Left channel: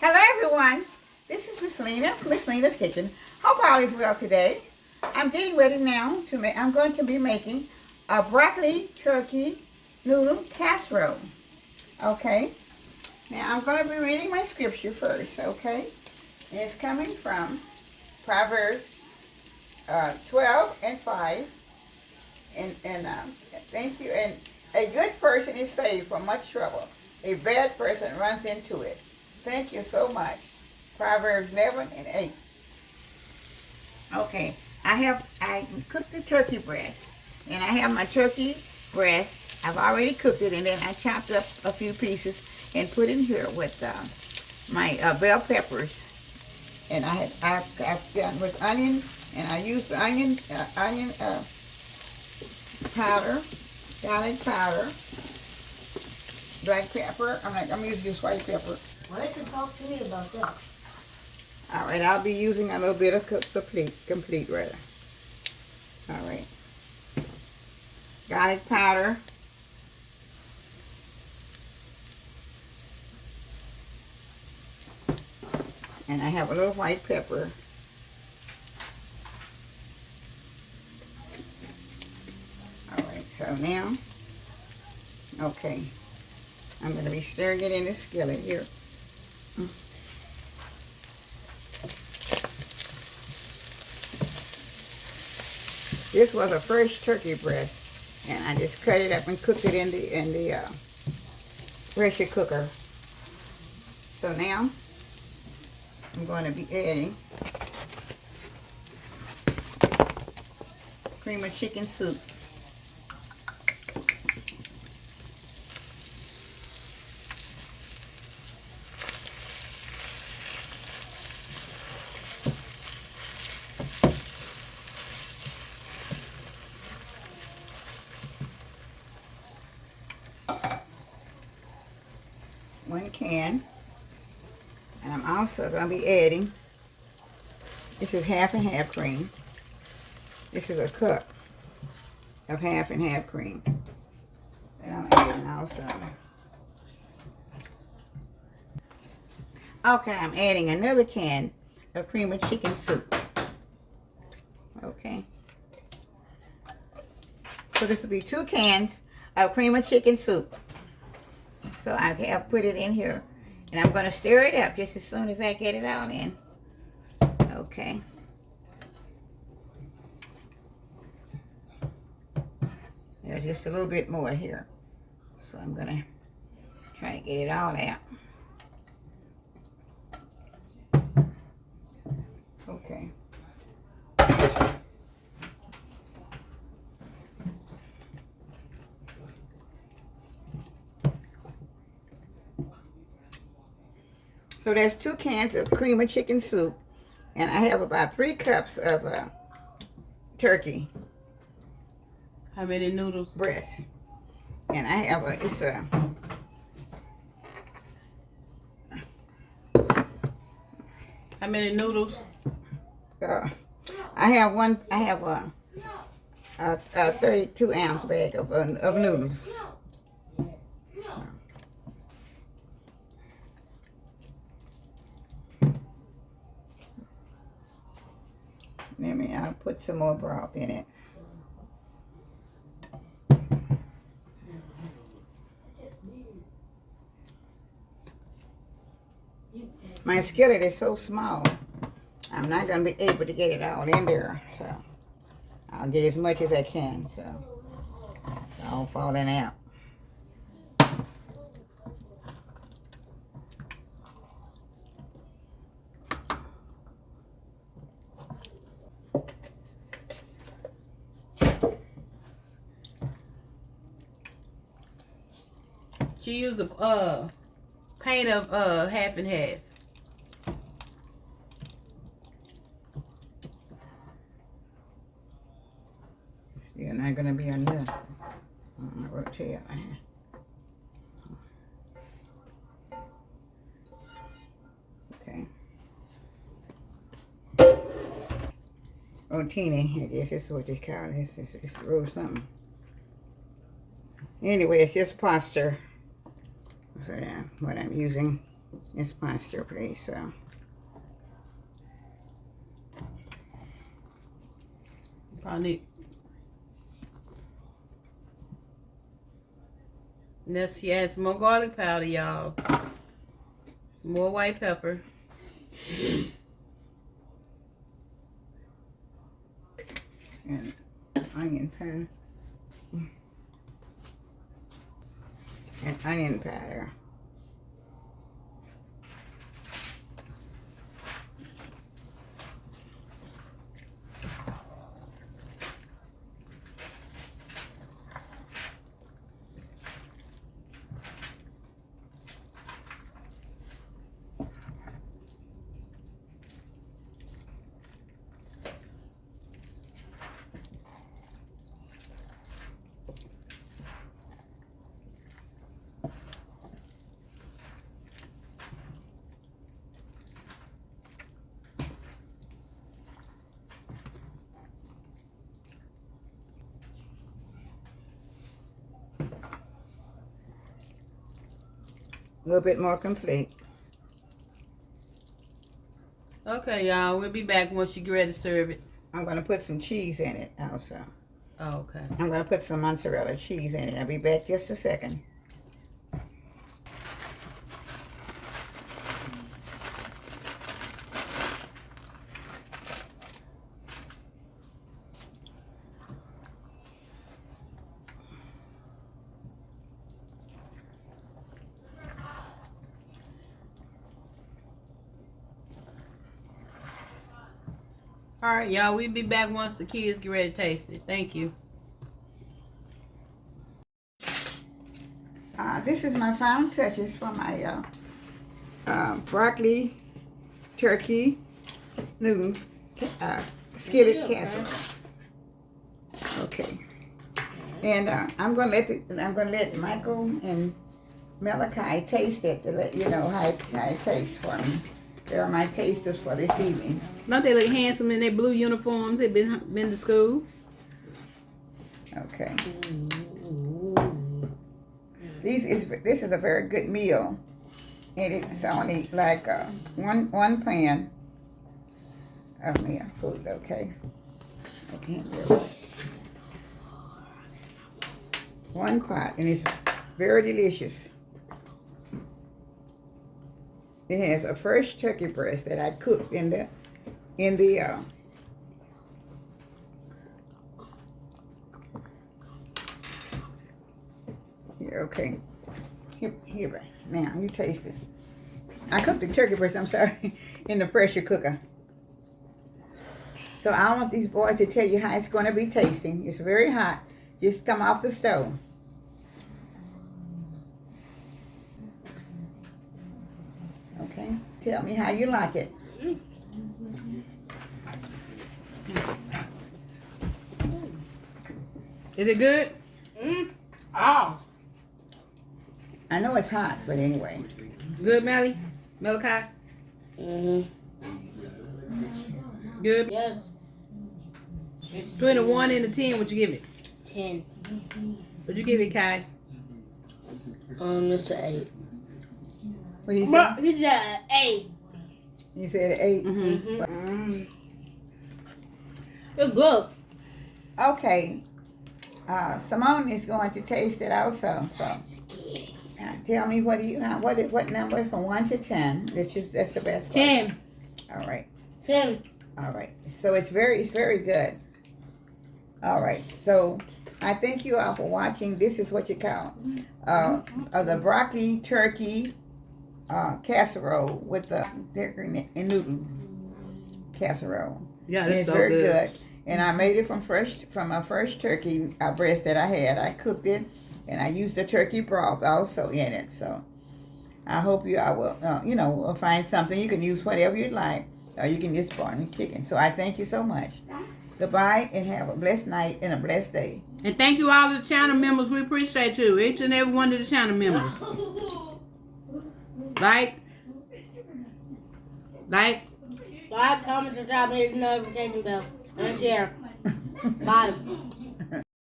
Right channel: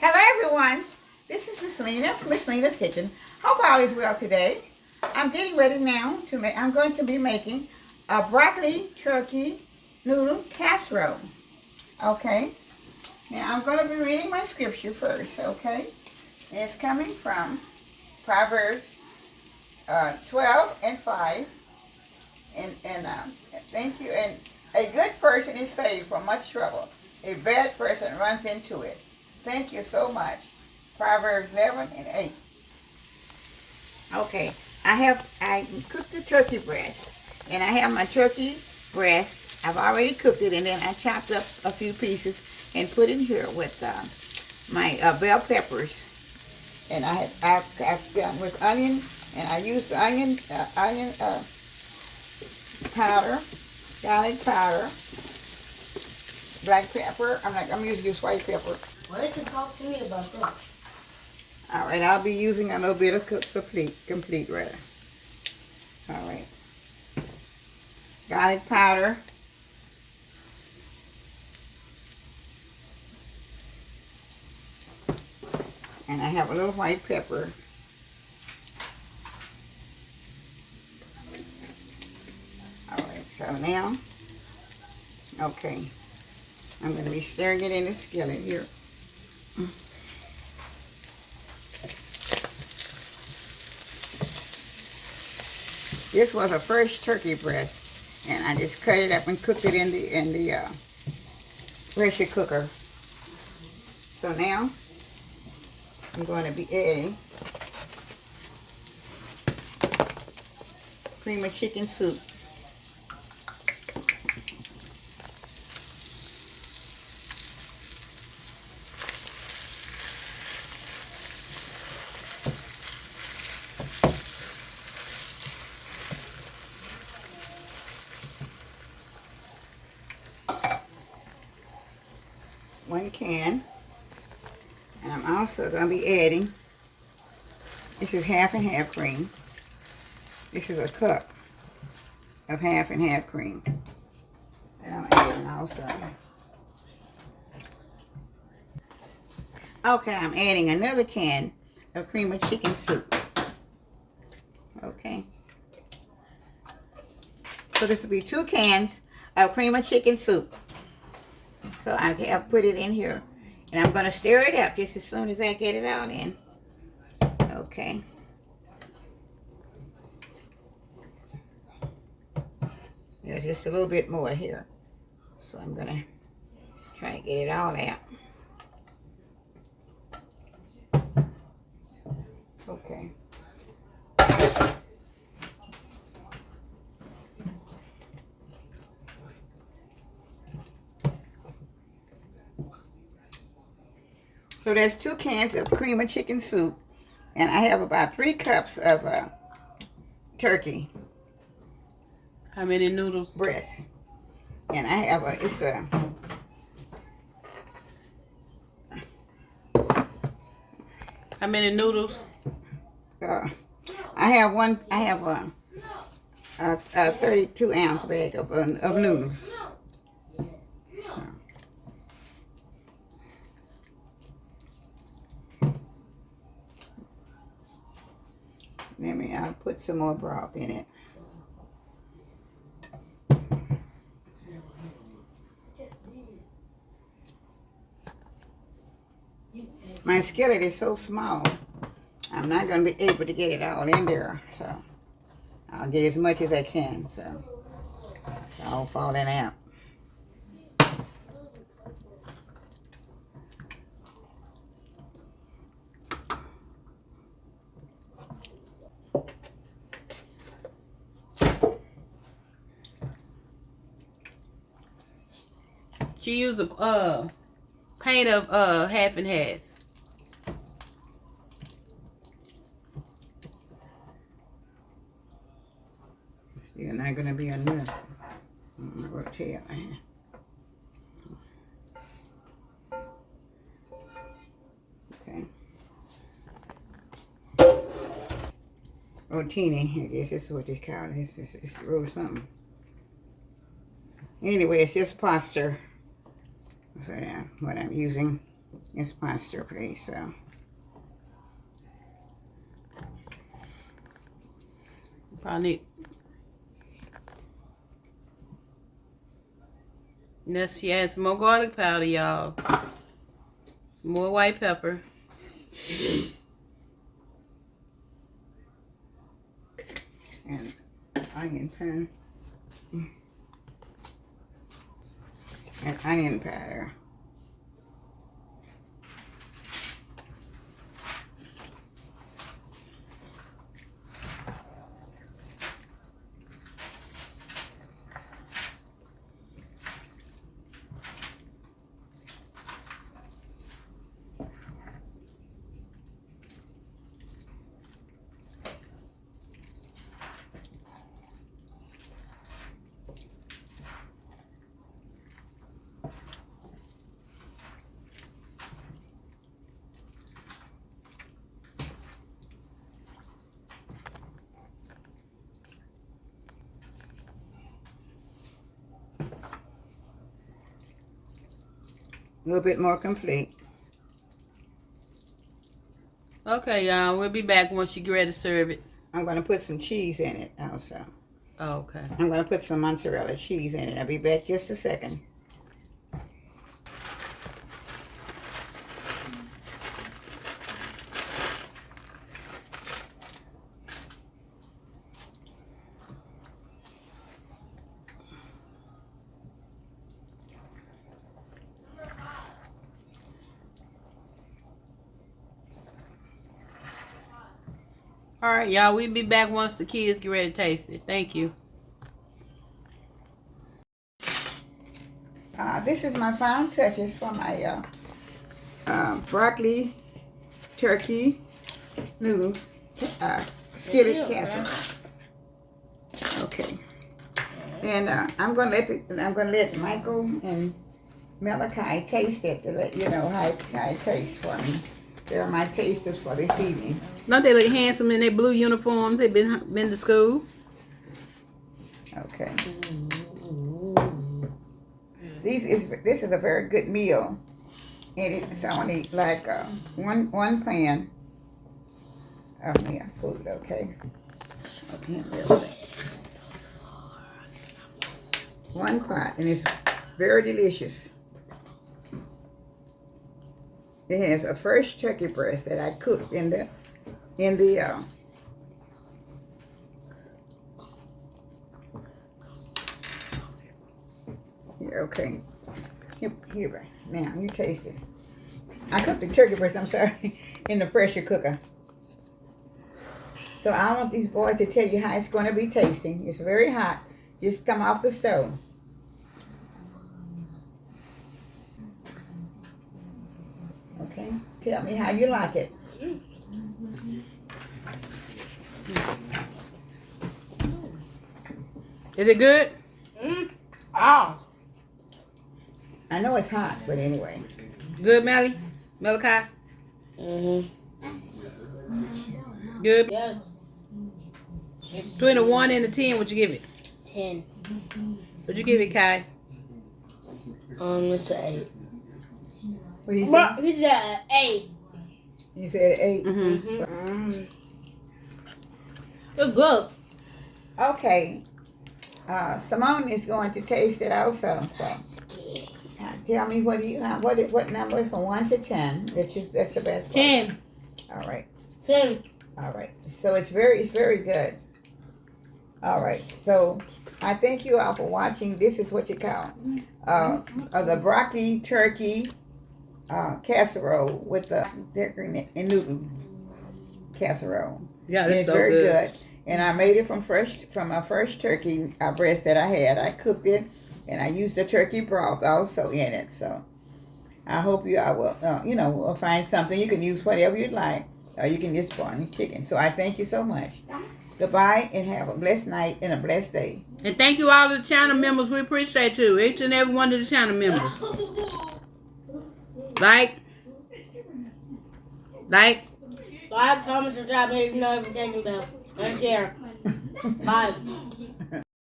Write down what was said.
Hello everyone, this is Miss Lena from Miss Lena's Kitchen. Hope all is well today. I'm getting ready now to make, I'm going to be making a broccoli turkey noodle casserole. Okay, now I'm going to be reading my scripture first, okay? And it's coming from Proverbs 12:5. And thank you. And a good person is saved from much trouble. A bad person runs into it. Thank you so much. Proverbs 11:8. Okay, I cooked the turkey breast, and I have my turkey breast. I've already cooked it, and then I chopped up a few pieces and put in here with my bell peppers. And I've done with onion, and I used the onion powder, garlic powder, black pepper. I'm using just white pepper. Well, they can talk to me about that. All right, I'll be using a little bit of complete rather. All right, garlic powder, and I have a little white pepper. All right, so now, okay, I'm going to be stirring it in the skillet here. This was a first turkey breast, and I just cut it up and cooked it in the pressure cooker. So now I'm going to be adding cream of chicken soup. One can, and I'm also going to be adding, this is half and half cream. This is a cup of half and half cream that I'm adding also. Okay, I'm adding another can of cream of chicken soup. Okay, so this will be 2 cans of cream of chicken soup. So I have put it in here, and I'm going to stir it up just as soon as I get it all in. Okay. There's just a little bit more here, so I'm going to try to get it all out. Okay. So there's 2 cans of cream of chicken soup, and I have about 3 cups of turkey. How many noodles? Breast. And I have How many noodles? I have a 32 ounce bag of noodles. I'll put some more broth in it. My skillet is so small, I'm not going to be able to get it all in there, so I'll get as much as I can, so it's all falling out. She used a paint of half and half. Still not going to be enough. I'm going to tell you. Okay. Rotini, I guess this is what they call it. It's real something. Anyway, it's just pasta. So yeah, what I'm using. It's my stir plate, so. Probably. Let's add some more garlic powder, y'all. Some more white pepper. And onion pan. And onion powder. A little bit more complete. Okay, y'all. We'll be back once you get ready to serve it. I'm going to put some cheese in it also. Oh, okay. I'm going to put some mozzarella cheese in it. I'll be back just a second. All right, y'all. We'll be back once the kids get ready to taste it. Thank you. This is my final touches for my broccoli, turkey, noodles, skillet casserole. Okay, and I'm gonna let Michael and Malachi taste it to let you know how it tastes for me. They're my tasters for this evening. Don't they look handsome in their blue uniforms? They've been to school. Okay. This is a very good meal, and it's only like one pan of food. Okay. Okay. One pot, and it's very delicious. It has a fresh turkey breast that I cooked in the here, okay. Here, now you taste it. I cooked the turkey breast, I'm sorry, in the pressure cooker. So I want these boys to tell you how it's going to be tasting. It's very hot. Just come off the stove. Okay, tell me how you like it. Is it good? Oh. I know it's hot, but anyway. Good, Melly? Malachi? Mm-hmm. Good? Yes. Between a 1 and a 10, what you give it? 10. What you give it, Kai? It's an 8. What do you say? He said 8. You said 8? Mm-hmm. It's good. Okay. Simone is going to taste it also. So, tell me what number from 1 to 10? That's the best part. 10. All right. 10. All right. So it's very good. All right. So I thank you all for watching. This is what you call the broccoli turkey casserole with the turkey and noodles casserole. Yeah, And that's it's so very good. And I made it from a fresh turkey breast that I had. I cooked it, and I used the turkey broth also in it. So I hope you all will, will find something. You can use whatever you like, or you can just burn chicken. So I thank you so much. Goodbye, and have a blessed night and a blessed day. And thank you all to the channel members. We appreciate you. Each and every one of the channel members. Like, Comment, subscribe, hit the notification bell, and share. Bye.